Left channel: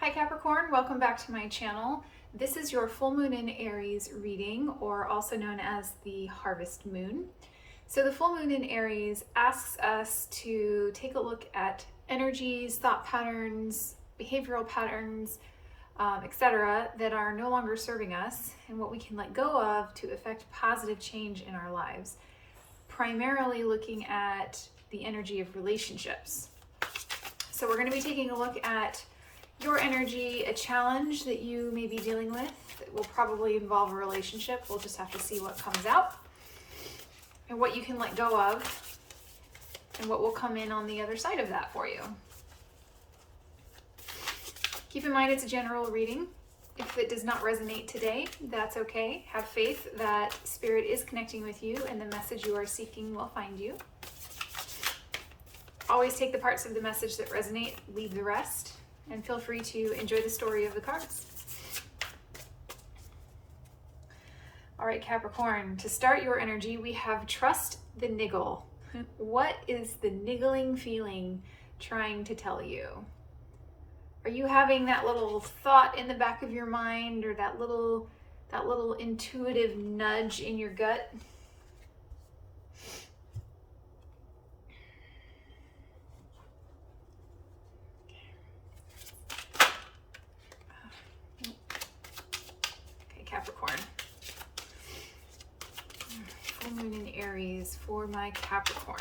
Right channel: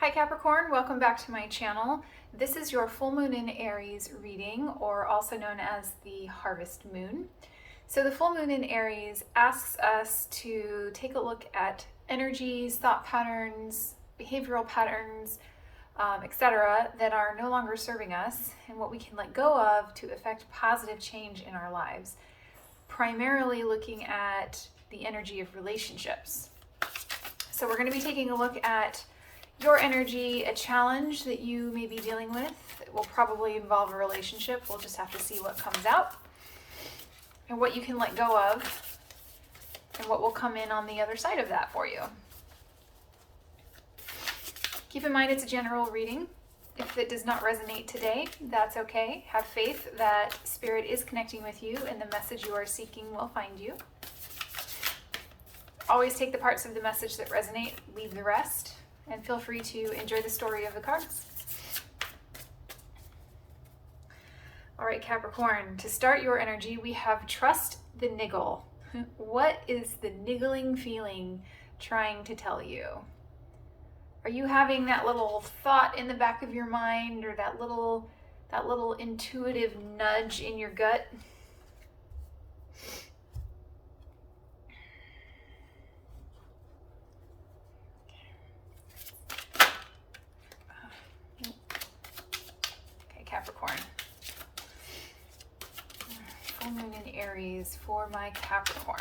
Hi Capricorn, welcome back to my channel. This is your full moon in Aries reading, or also known as the harvest moon. So the full moon in Aries asks us to take a look at energies, thought patterns, behavioral patterns, etc. that are no longer serving us and what we can let go of to effect positive change in our lives. Primarily looking at the energy of relationships. So we're going to be taking a look at your energy, a challenge that you may be dealing with. It will probably involve a relationship. We'll just have to see what comes out and what you can let go of and what will come in on the other side of that for you. Keep in mind it's a general reading. If it does not resonate today, that's okay. Have faith that Spirit is connecting with you and the message you are seeking will find you. Always take the parts of the message that resonate, leave the rest, and feel free to enjoy the story of the cards. All right, Capricorn, to start your energy, we have trust the niggle. What is the niggling feeling trying to tell you? Are you having that little thought in the back of your mind, or that little intuitive nudge in your gut? Okay, Capricorn. Full moon in Aries for my Capricorn.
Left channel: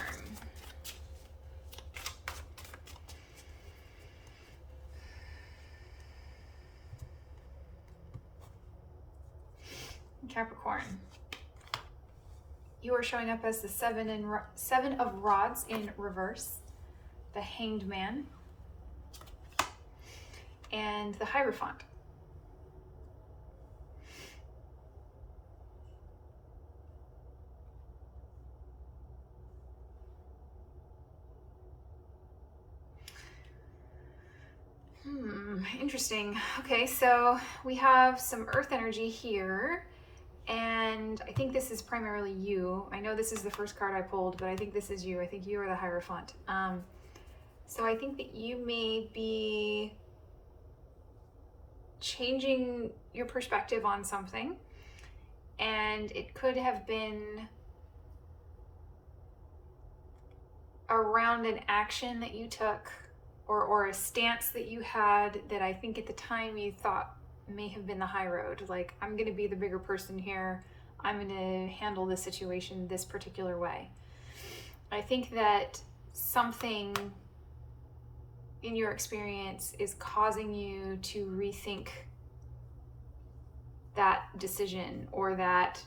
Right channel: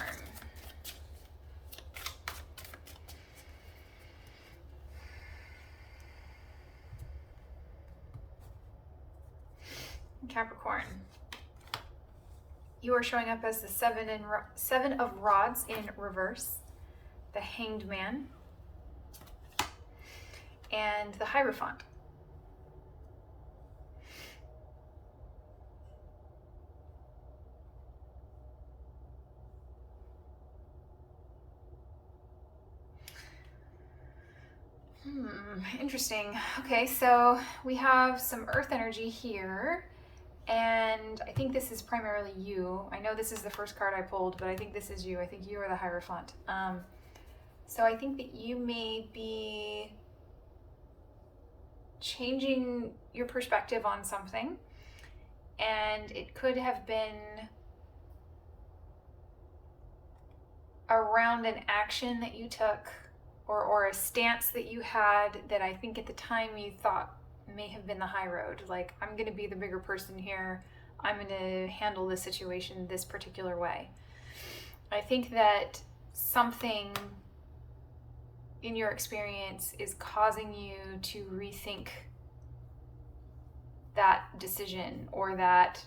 Capricorn, you are showing up as the seven of rods in reverse, the Hanged Man, and the Hierophant. Interesting. Okay, so we have some earth energy here, and I think this is primarily you. I know this is the first card I pulled, but I think this is you. I think you are the Hierophant. So I think that you may be changing your perspective on something, and it could have been around an action that you took or a stance that you had that I think at the time you thought may have been the high road. Like, I'm going to be the bigger person here. I'm going to handle this situation this particular way. I think that something in your experience is causing you to rethink that decision or that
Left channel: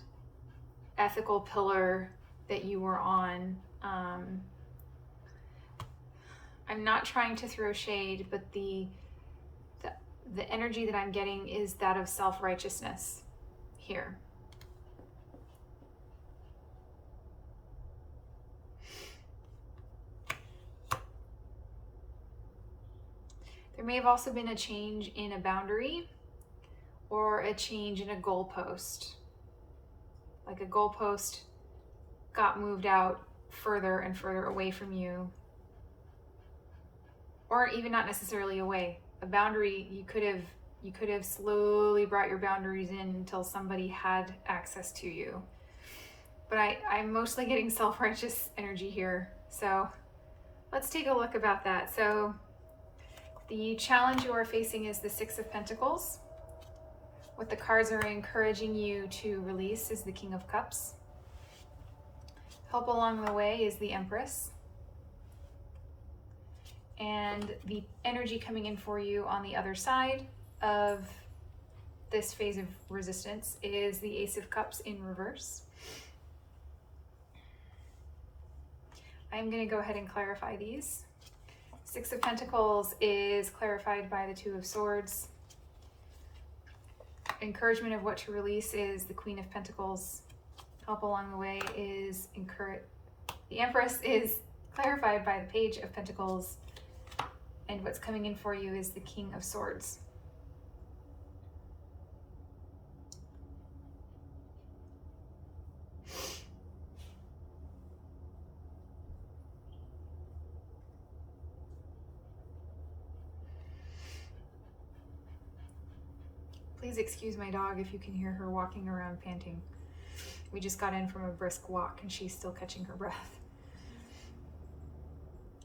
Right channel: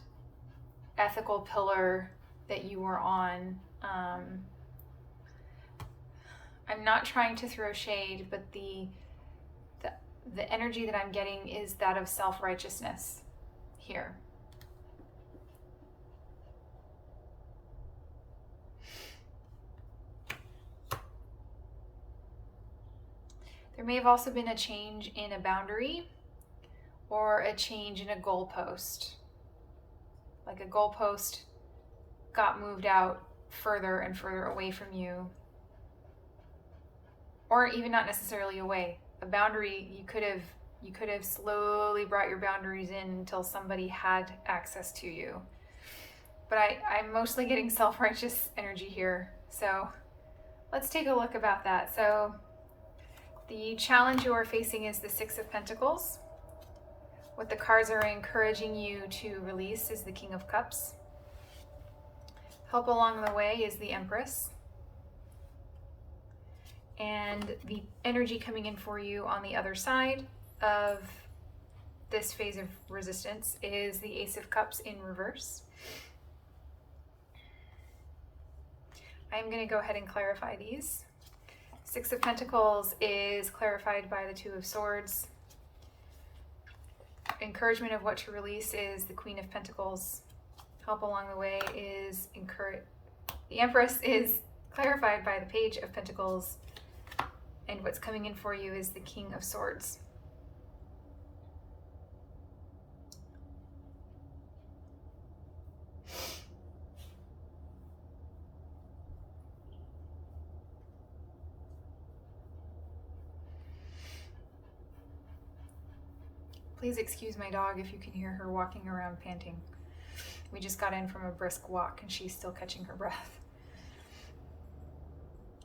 ethical pillar that you were on. I'm not trying to throw shade, but the energy that I'm getting is that of self-righteousness here. There may have also been a change in a boundary or a change in a goalpost. Like a goalpost got moved out further and further away from you. Or even not necessarily away. A boundary, you could have slowly brought your boundaries in until somebody had access to you. But I'm mostly getting self-righteous energy here. So let's take a look about that. So the challenge you are facing is the Six of Pentacles. What the cards are encouraging you to release is the King of Cups. Help along the way is the Empress. And the energy coming in for you on the other side of this phase of resistance is the Ace of Cups in reverse. I'm going to go ahead and clarify these. Six of Pentacles is clarified by the Two of Swords. Encouragement of what to release is the Queen of Pentacles. Help along the way is the Empress is clarified by the Page of Pentacles. And what's coming in for you is the King of Swords. Please excuse my dog if you can hear her walking around panting. We just got in from a brisk walk and she's still catching her breath.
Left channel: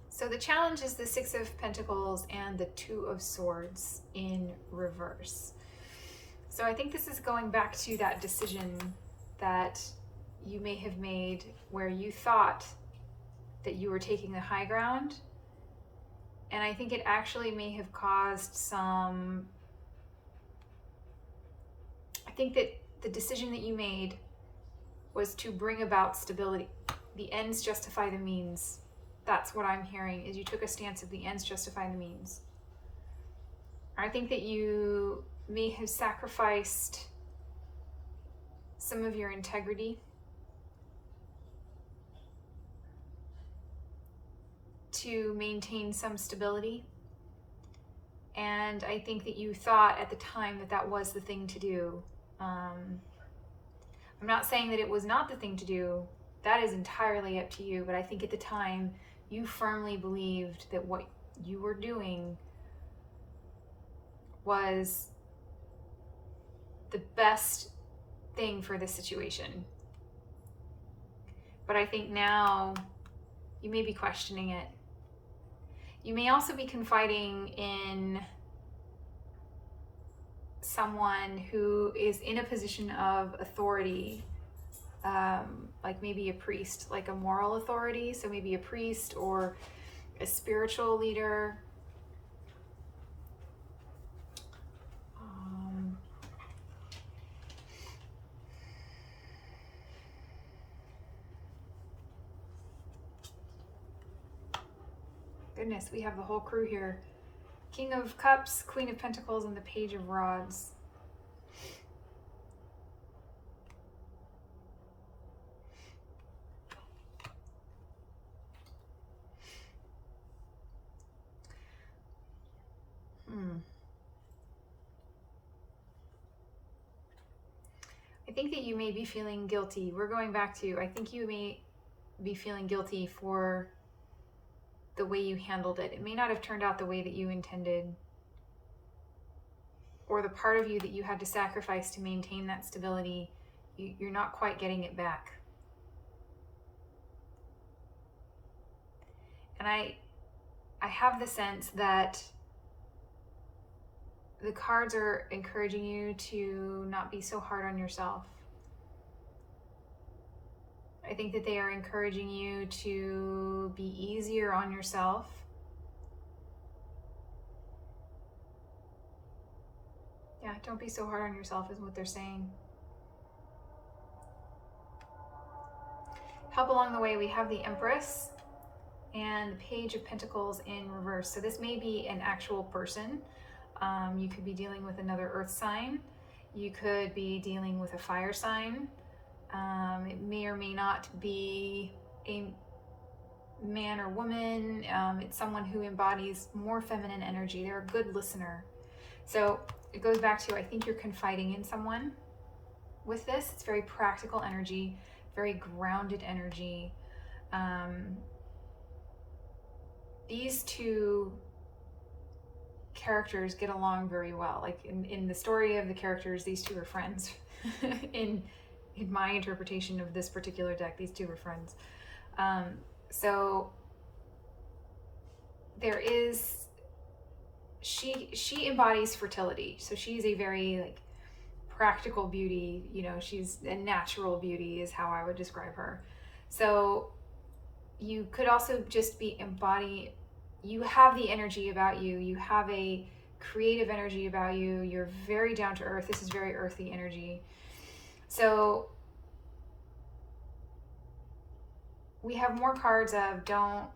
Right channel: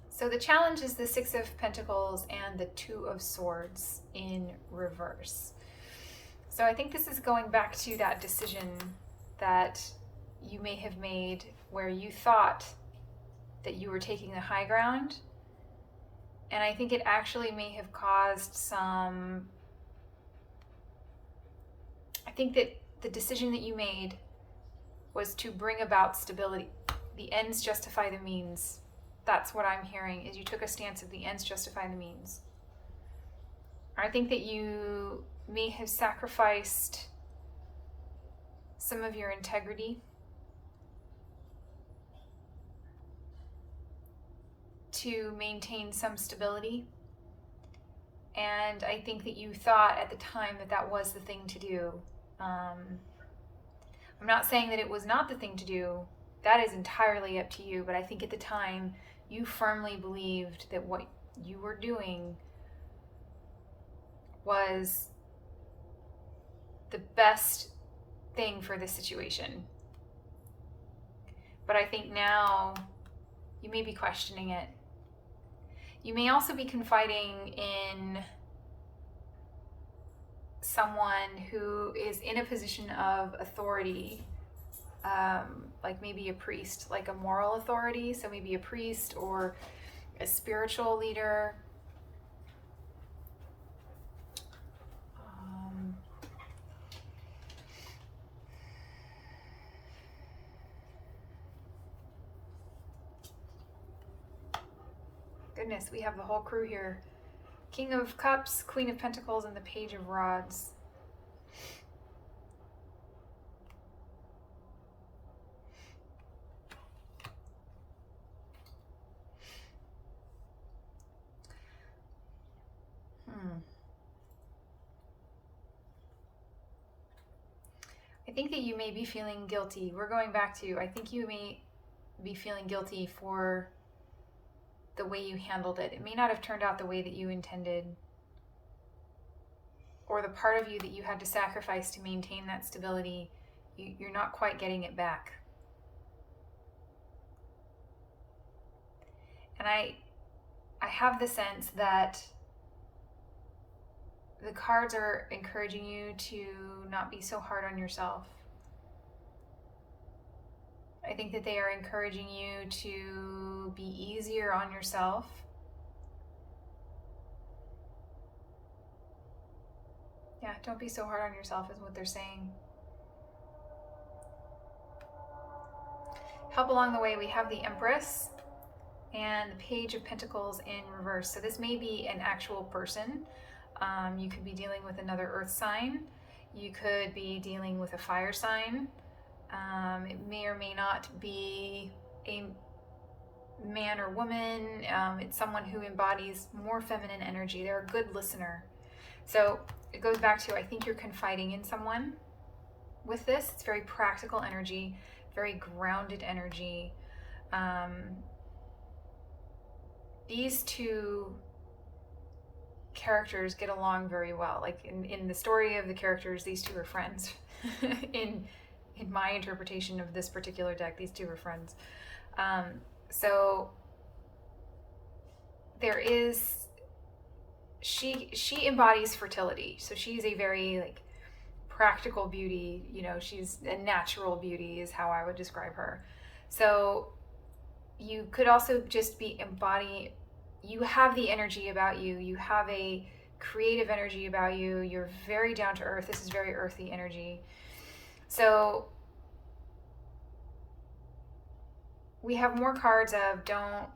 So the challenge is the Six of Pentacles and the Two of Swords in reverse. So I think this is going back to that decision that you may have made where you thought that you were taking the high ground. And I think it actually may have caused some, I think that the decision that you made was to bring about stability. The ends justify the means. That's what I'm hearing, is you took a stance of the ends justify the means. I think that you may have sacrificed some of your integrity to maintain some stability. And I think that you thought at the time that that was the thing to do. I'm not saying that it was not the thing to do. That is entirely up to you. But I think at the time, you firmly believed that what you were doing was the best thing for the situation. But I think now you may be questioning it. You may also be confiding in someone who is in a position of authority, like maybe a priest, like a moral authority. So maybe a priest or a spiritual leader. Goodness, we have the whole crew here. King of Cups, Queen of Pentacles, and the Page of Rods. I think that you may be feeling guilty. We're going back to, I think you may be feeling guilty for the way you handled it. It may not have turned out the way that you intended, or the part of you that you had to sacrifice to maintain that stability, you're not quite getting it back. And I have the sense that the cards are encouraging you to not be so hard on yourself. I think that they are encouraging you to be easier on yourself. Yeah, don't be so hard on yourself is what they're saying. Help along the way, we have the Empress and the Page of Pentacles in reverse. So this may be an actual person. You could be dealing with another earth sign. You could be dealing with a fire sign. It may or may not be a man or woman. It's someone who embodies more feminine energy. They're a good listener. So it goes back to, I think you're confiding in someone with this. It's very practical energy, very grounded energy. These two characters get along very well. Like in the story of the characters, these two are friends. in my interpretation of this particular deck, these two are friends. So there is, she embodies fertility. So she's a very like practical beauty, you know, she's a natural beauty is how I would describe her. So you could also just be embodying, you have the energy about you, you have a creative energy about you, you're very down to earth. This is very earthy energy. So we have more cards of don't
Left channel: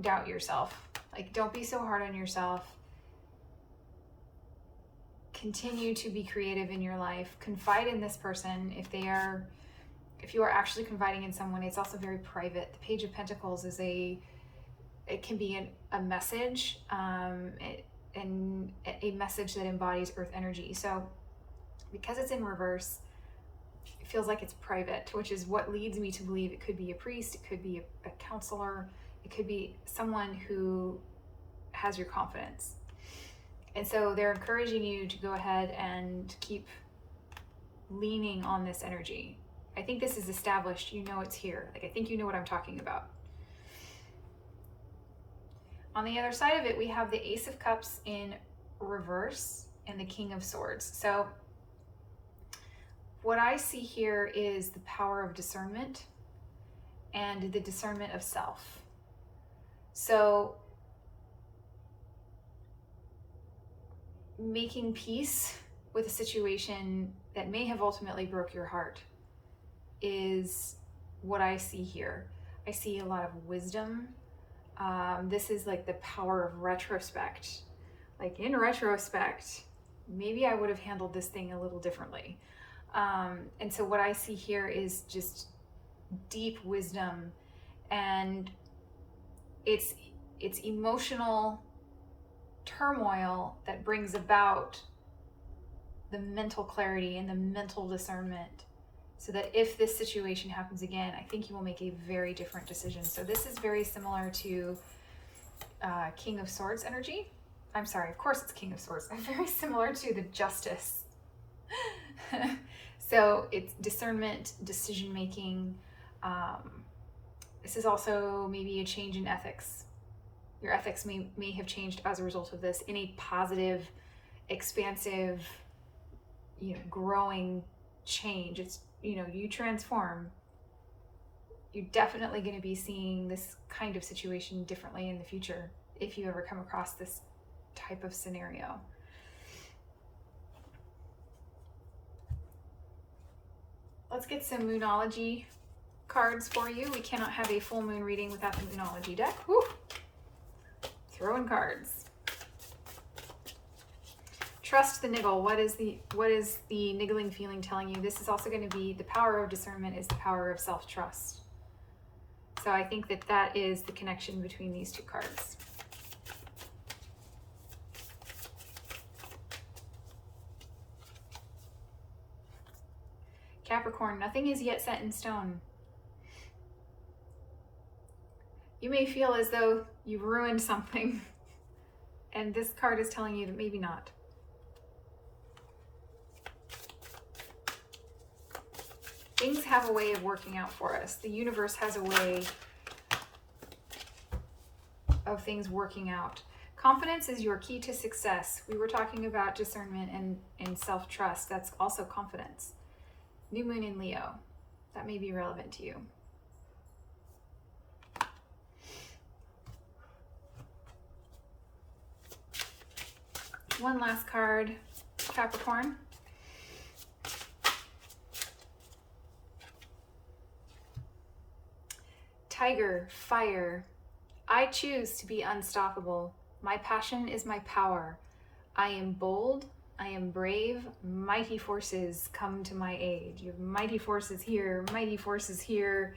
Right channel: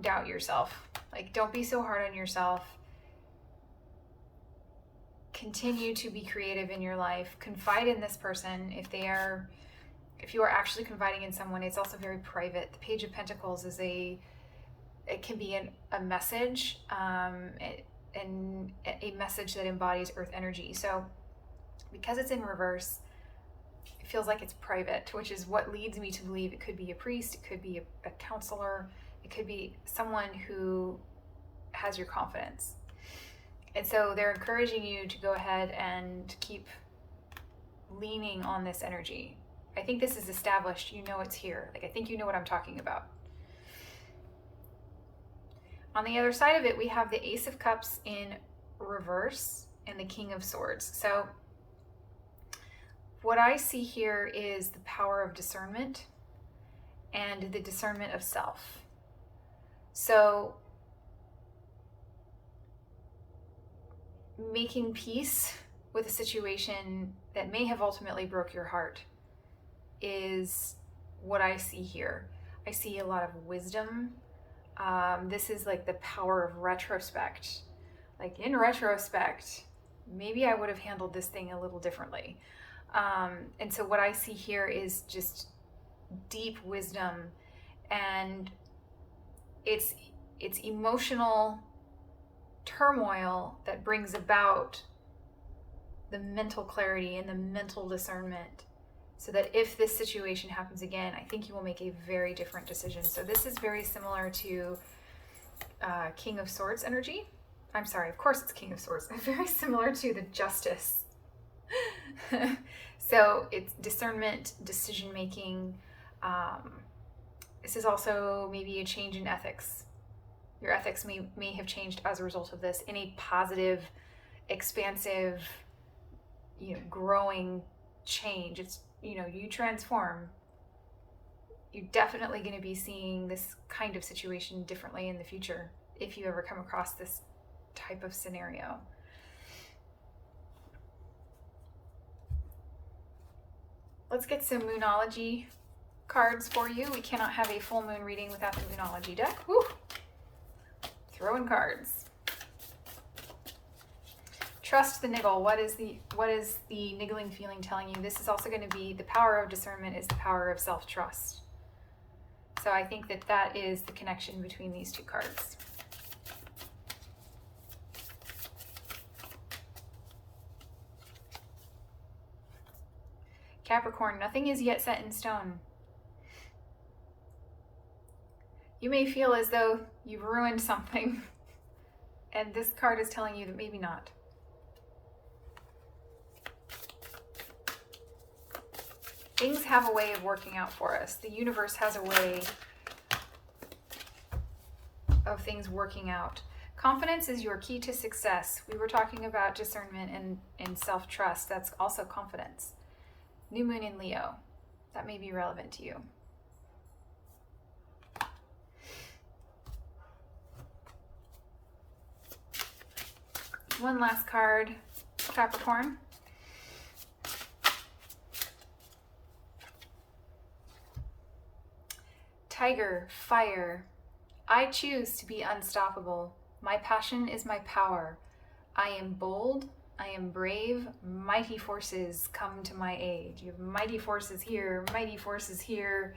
doubt yourself. Like, don't be so hard on yourself. Continue to be creative in your life. Confide in this person. If you are actually confiding in someone, it's also very private. The Page of Pentacles is it can be a message, and a message that embodies earth energy. So because it's in reverse, it feels like it's private, which is what leads me to believe it could be a priest, it could be a counselor, it could be someone who has your confidence. And so they're encouraging you to go ahead and keep leaning on this energy. I think this is established. You know it's here. Like, I think you know what I'm talking about. On the other side of it, we have the Ace of Cups in reverse and the King of Swords. So what I see here is the power of discernment and the discernment of self. So making peace with a situation that may have ultimately broke your heart is what I see here. I see a lot of wisdom. This is like the power of retrospect. Like, in retrospect, maybe I would have handled this thing a little differently. And so what I see here is just deep wisdom, and it's emotional turmoil that brings about the mental clarity and the mental discernment, so that if this situation happens again, I think you will make a very different decision. So this is very similar to King of Swords energy. I'm sorry, of course it's King of Swords. Very similar to the Justice. So it's discernment, decision making. This is also maybe a change in ethics. Your ethics may have changed as a result of this in a positive, expansive, growing change. It's, you transform. You're definitely going to be seeing this kind of situation differently in the future if you ever come across this type of scenario. Let's get some Moonology cards for you. We cannot have a full moon reading without the Moonology deck. Woo! Throwing cards. Trust the niggle. What is the niggling feeling telling you? This is also going to be the power of discernment is the power of self-trust. So I think that is the connection between these two cards. Capricorn, nothing is yet set in stone. You may feel as though you've ruined something, and this card is telling you that maybe not. Things have a way of working out for us. The universe has a way of things working out. Confidence is your key to success. We were talking about discernment and self-trust. That's also confidence. New moon in Leo. That may be relevant to you. One last card, Capricorn. Tiger, fire. I choose to be unstoppable. My passion is my power. I am bold. I am brave. Mighty forces come to my aid. You have mighty forces here, mighty forces here.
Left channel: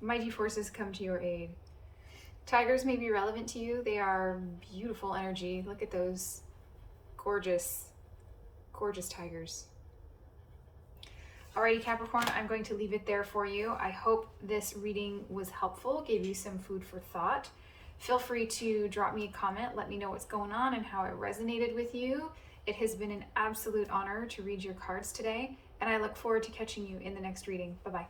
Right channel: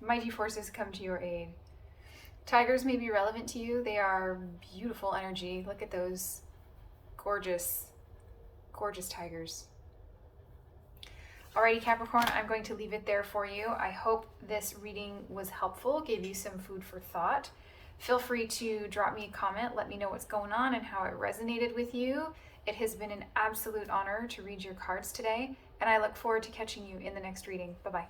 Mighty forces come to your aid. Tigers may be relevant to you. They are beautiful energy. Look at those gorgeous, gorgeous tigers. Alrighty, Capricorn, I'm going to leave it there for you. I hope this reading was helpful, gave you some food for thought. Feel free to drop me a comment. Let me know what's going on and how it resonated with you. It has been an absolute honor to read your cards today, and I look forward to catching you in the next reading. Bye-bye.